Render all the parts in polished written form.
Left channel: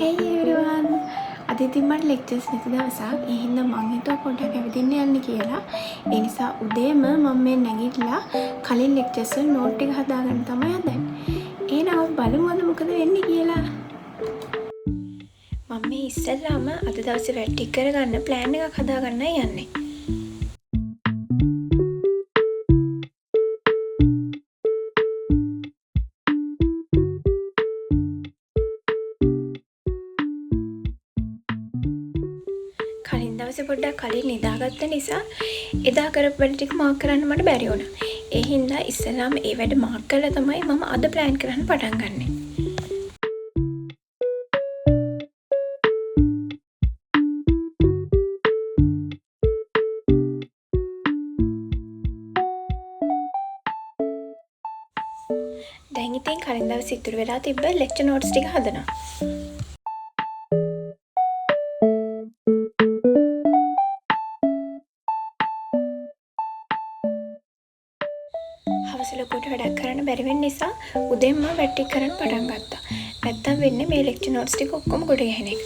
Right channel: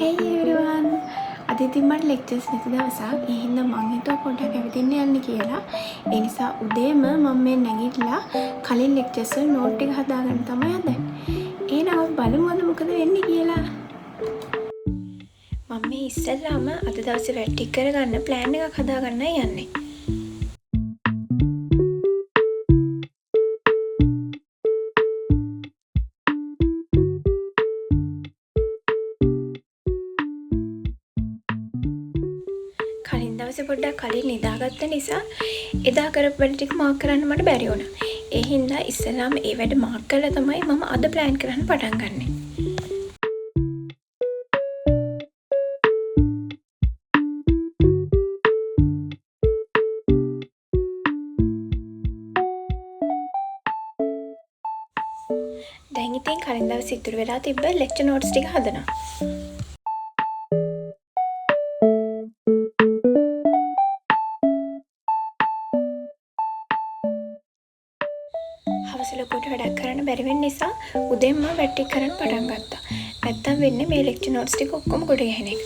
Hey everyone! අද ඉතින් මට ලෙක්චර්ස් නැති දවසක්. ඒ හින්දා මං හිතුවා පොඩ්ඩක් ඇවිදින්න යන්න කියලා. ඒ නිසා උදේම මම මේ නැගිටලා කලින් ලෙක්චර්ස් වල නෝට් එක හදාගන්න තමයි හදන්නේ. එහෙනම් බලමු අද මොකද වෙන්නේ කියලා. මම මේ ඉස්සෙල්ලාම අද දවසේ වැඩ ටික කරගන්න ප්ලෑන් එකක් හදාගන්නයි යන්නේ. කලින් දවසේ පොඩ්ඩක් කලින් නිදාගත්ත නිසා එදා කරපු වැඩ ටික මාක් කරන්න මට බැරි වුණා. ඒ හින්දා ඉස්සෙල්ලාම ඒ වැඩ මාක් කරලා තමයි මම අද ප්ලෑන් කරන්න පටන් ගන්නෙ. දැන් ඉතින් කලින් දවසේ ඉතුරු වෙලා තිබ්බ ලෙක්චර් නෝට්ස් ටික හදනවා. හවස ලොකුවට වැඩක් කරන්න බැරි වෙන නිසා උදේම වැඩ ටික කරන්න පටන් ගත්තා. නැත්තම් වෙන්නේ මේ ලෙක්චර් නෝට්ස් ටික ඔක්කොම ගොඩ ගහන එක.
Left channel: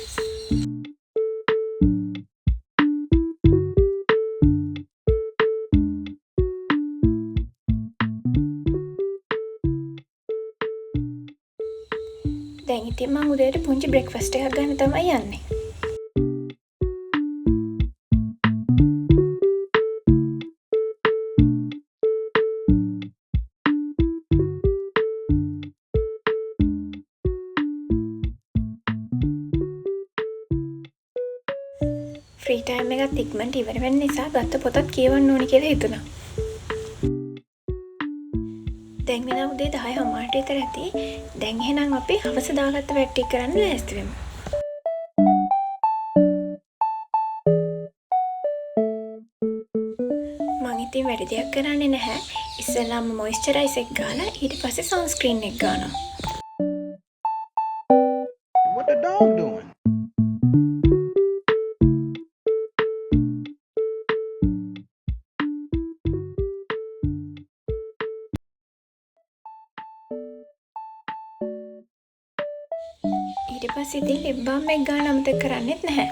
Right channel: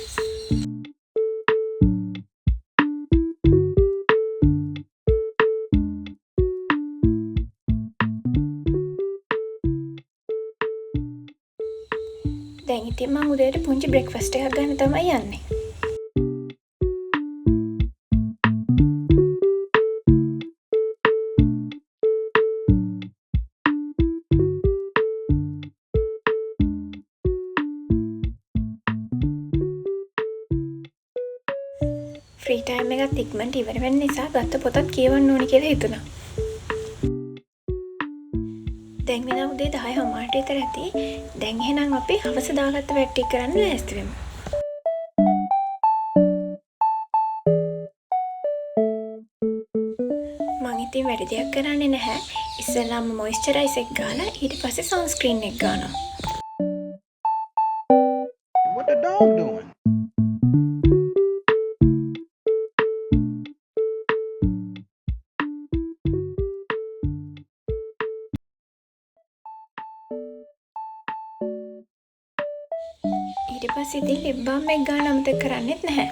දැන් ඉතින් මම උදේට පුංචි බ්‍රෙක්ෆාස්ට් එකක් ගන්න තමයි යන්නේ. ෆ්‍රී ටයිම් එකත් ඉක්මනට ඉවර වෙන නිසා ගත්ත පොතත් කියවන්න ඕනි කියලා හිතුණා. දැන් වෙන උදේ 10:00 විතර ඇති. දැන් එහෙනම් අපි හවස දාගත්ත වැඩ ටික කරන්න ලෑස්ති වෙමු. මං ඉතින් වැඩි දෙයක් කරන්නේ නැහැ. ඉස්සෙල්ලාම මොයිස්චරයිස් එක ගාලා ඊට පස්සේ සන්ස්ක්‍රීන් එක ගන්නවා. What the dog doing? ඊට පස්සේ ඉතින් ලිප් බාම් එක ගන්න අමතක කරන්නෙත් නැහැ.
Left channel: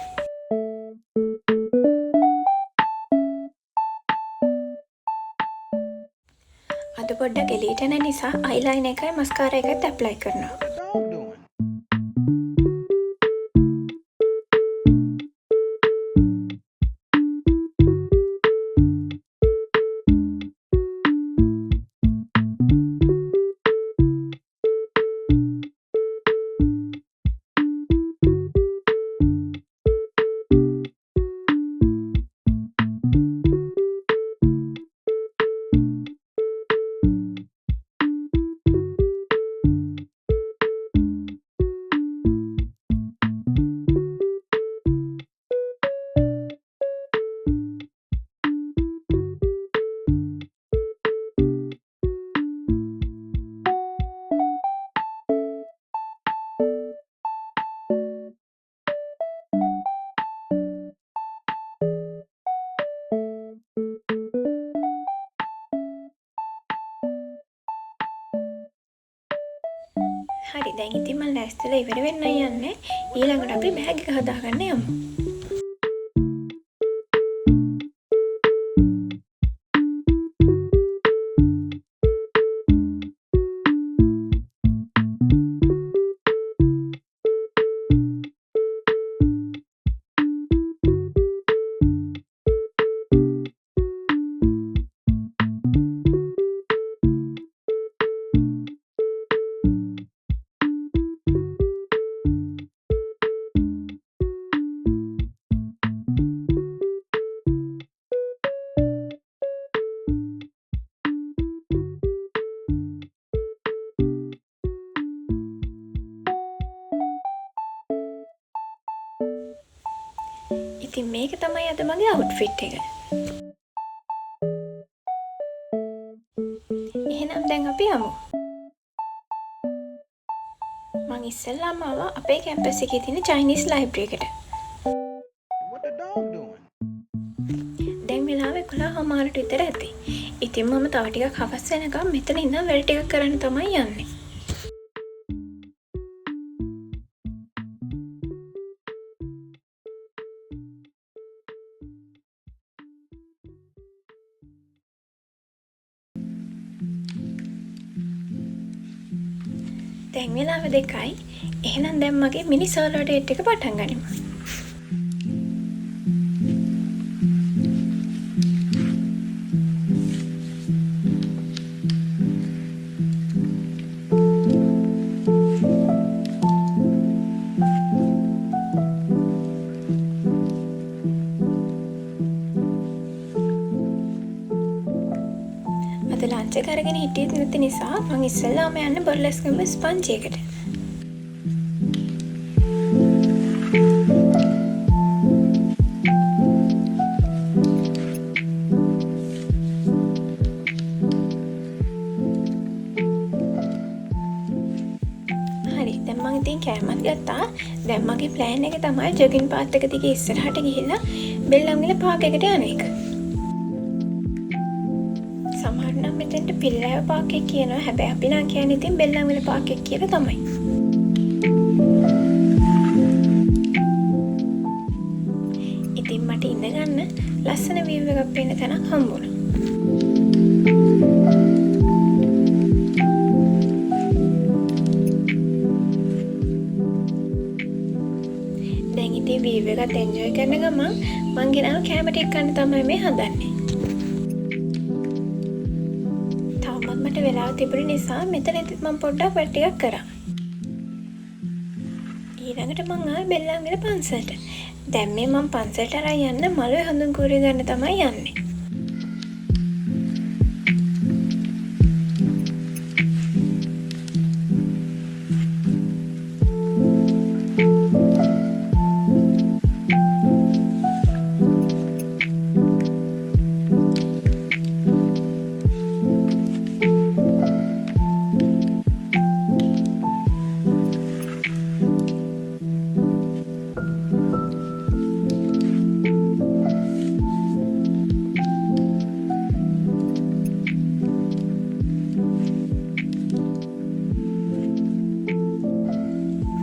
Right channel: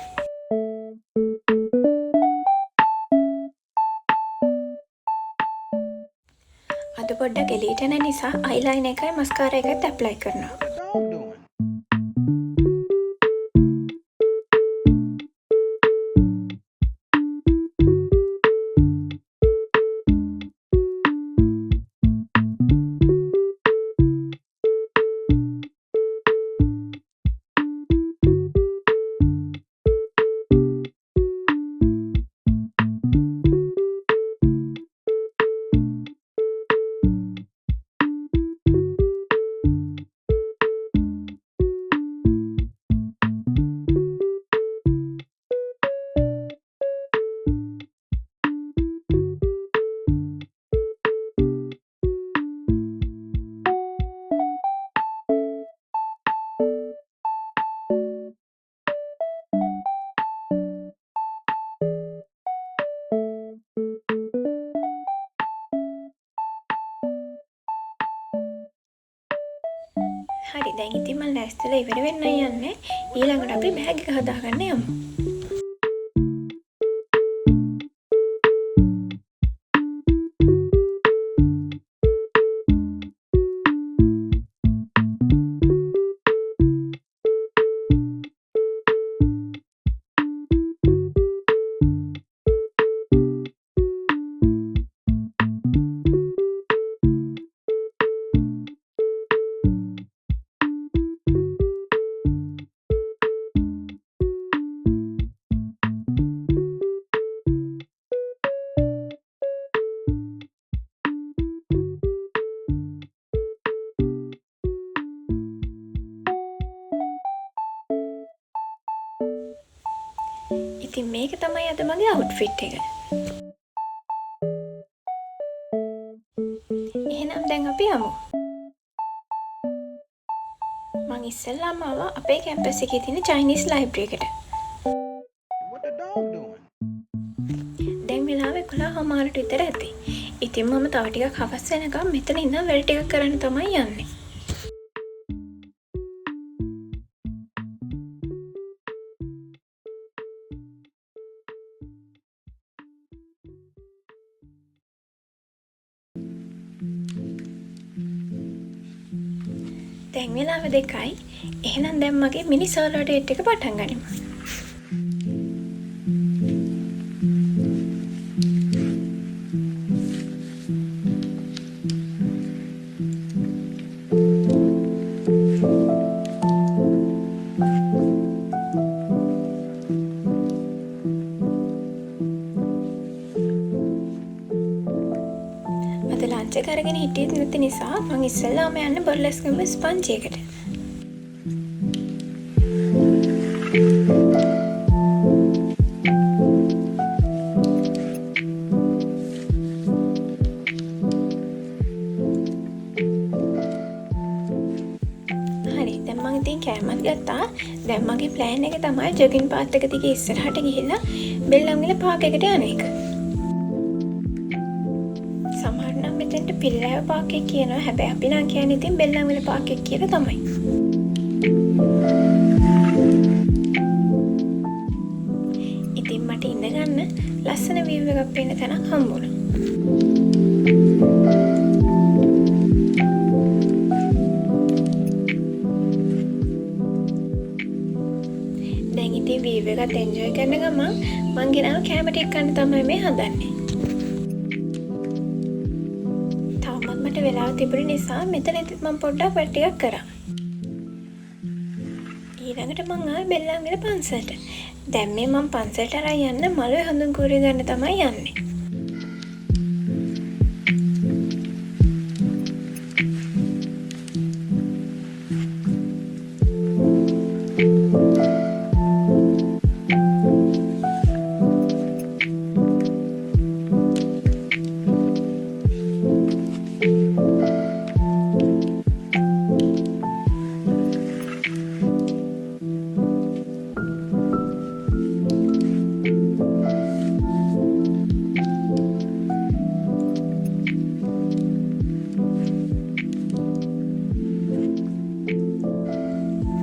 අද පොඩ්ඩක් එළියට යන නිසා අයිලයිනර් එකයි මස්කාරා එකත් ඇප්ලයි කරනවා. What the dog doing? හරි දැන් ඉතින් මම ලෑස්තිලා ඉවර වෙන්නයි යන්නේ. ඊළඟට අපි බෑග් එක හදාගන්න යමු. ඉතින් මේක තමයි අද මගේ අවුට්ෆිට් එක. එහෙනම් දැන් අපි යමු. මං ඉස්සෙල්ලාම ආවා අපේ කැම්පස් එකේ තියෙන චයිනීස් ලයිබ්‍රරි එකට. What the dog doing? දැන් වෙලාව 11:00 විතර ඇති. ඉතින් මම තව ටිකක් හවස් වෙනකම් මෙතන ඉඳන් වැඩ ටිකක් කරන්න තමයි යන්නේ. දැන් වෙලාව 2යි. එහෙනම් දැන් මගේ මිනි සෝලෝ ඩේට් එක පටන් ගනිමු. අද ලන්ච් එක අරගෙන හිටියෙත් නැති නිසා මං ඉස්සෙල්ලාම යන්න බර්ලස්කම් ස්පන්ජ් එකට. හරි දැන් මං ඉතින් කෑමත් ගත්තා. දැන් මගේ ප්ලෑන් එක තමයි ජොගින් පාත් එක දිගේ ඉස්සරහට ගිහිල්ලා බෙල්ලන්විල පාක් එකට යන එක. සමහර නම් මෙතෙන්ට පිල්ලෑව පාක් එක කියනවා. හැබැයි අපි නම් කියන්නේ ඉතින් බෙල්ලන්විල පාක් එක කියලා තමයි. ඉතින් මට ඉඳ ගන්න ලස්සන view එකක් පේන තැනක් හම්බුණා. දැන් ඉතින් view එකත් enjoy කරන ගමන් මං ගෙනාව කැම ටික කන්න තමයි මේ හදන්නේ. තවමත් මට වෙලාව තිබුණ නිසා මෙතනදිත් මං පොඩ්ඩක් වැඩ ටිකක් කරා. ඊළඟට මං ආවේ බෙල්ලන්විල පන්සලට. දැන් මේ මං පන්සලට අරන් යන්න මලුවේ හඳුන් කූරේ ගන්න තමයි යන්නේ.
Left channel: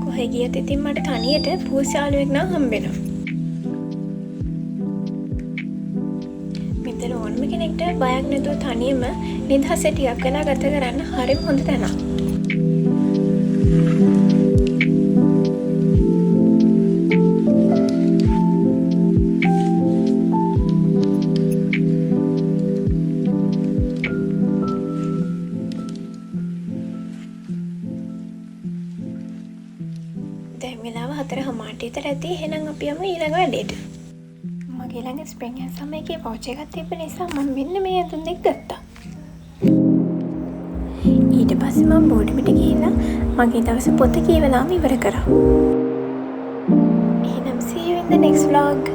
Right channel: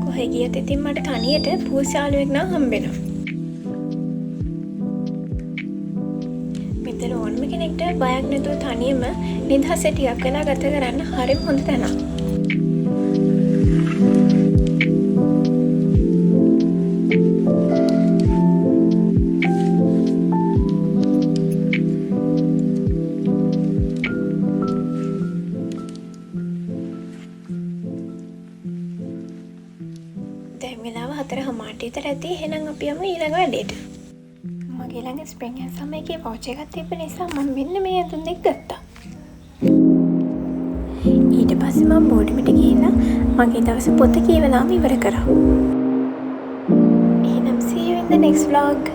කොහෙ ගියත් ඉතින් මට තනියට පූසාලුවෙක් නම් හම්බෙනවා. මෙතන ඕනම කෙනෙක්ට බයක් නැතුව තනියම නිදහස ටිකක් වෙලා ගත කරන්න හරිම හොඳ තැනක්. දැන් වෙලාව 4:00 විතර ඇති. එහෙනම් අපි යමු ඊළඟ වැඩේට. මගේ ළඟ ස්ප්‍රින්ග් ඇන්ඩ් සමර් එකේ වවුචර් එකක් තිබ්බ නිසා මම මෙන්න මේ ඇඳුම් දෙක ගත්තා. ඊට පස්සේ මම බෝඩිමට ගිහිල්ලා මගේ දවස පොත කියවලාම ඉවර කරා. එහෙනම් see you in the next vlog.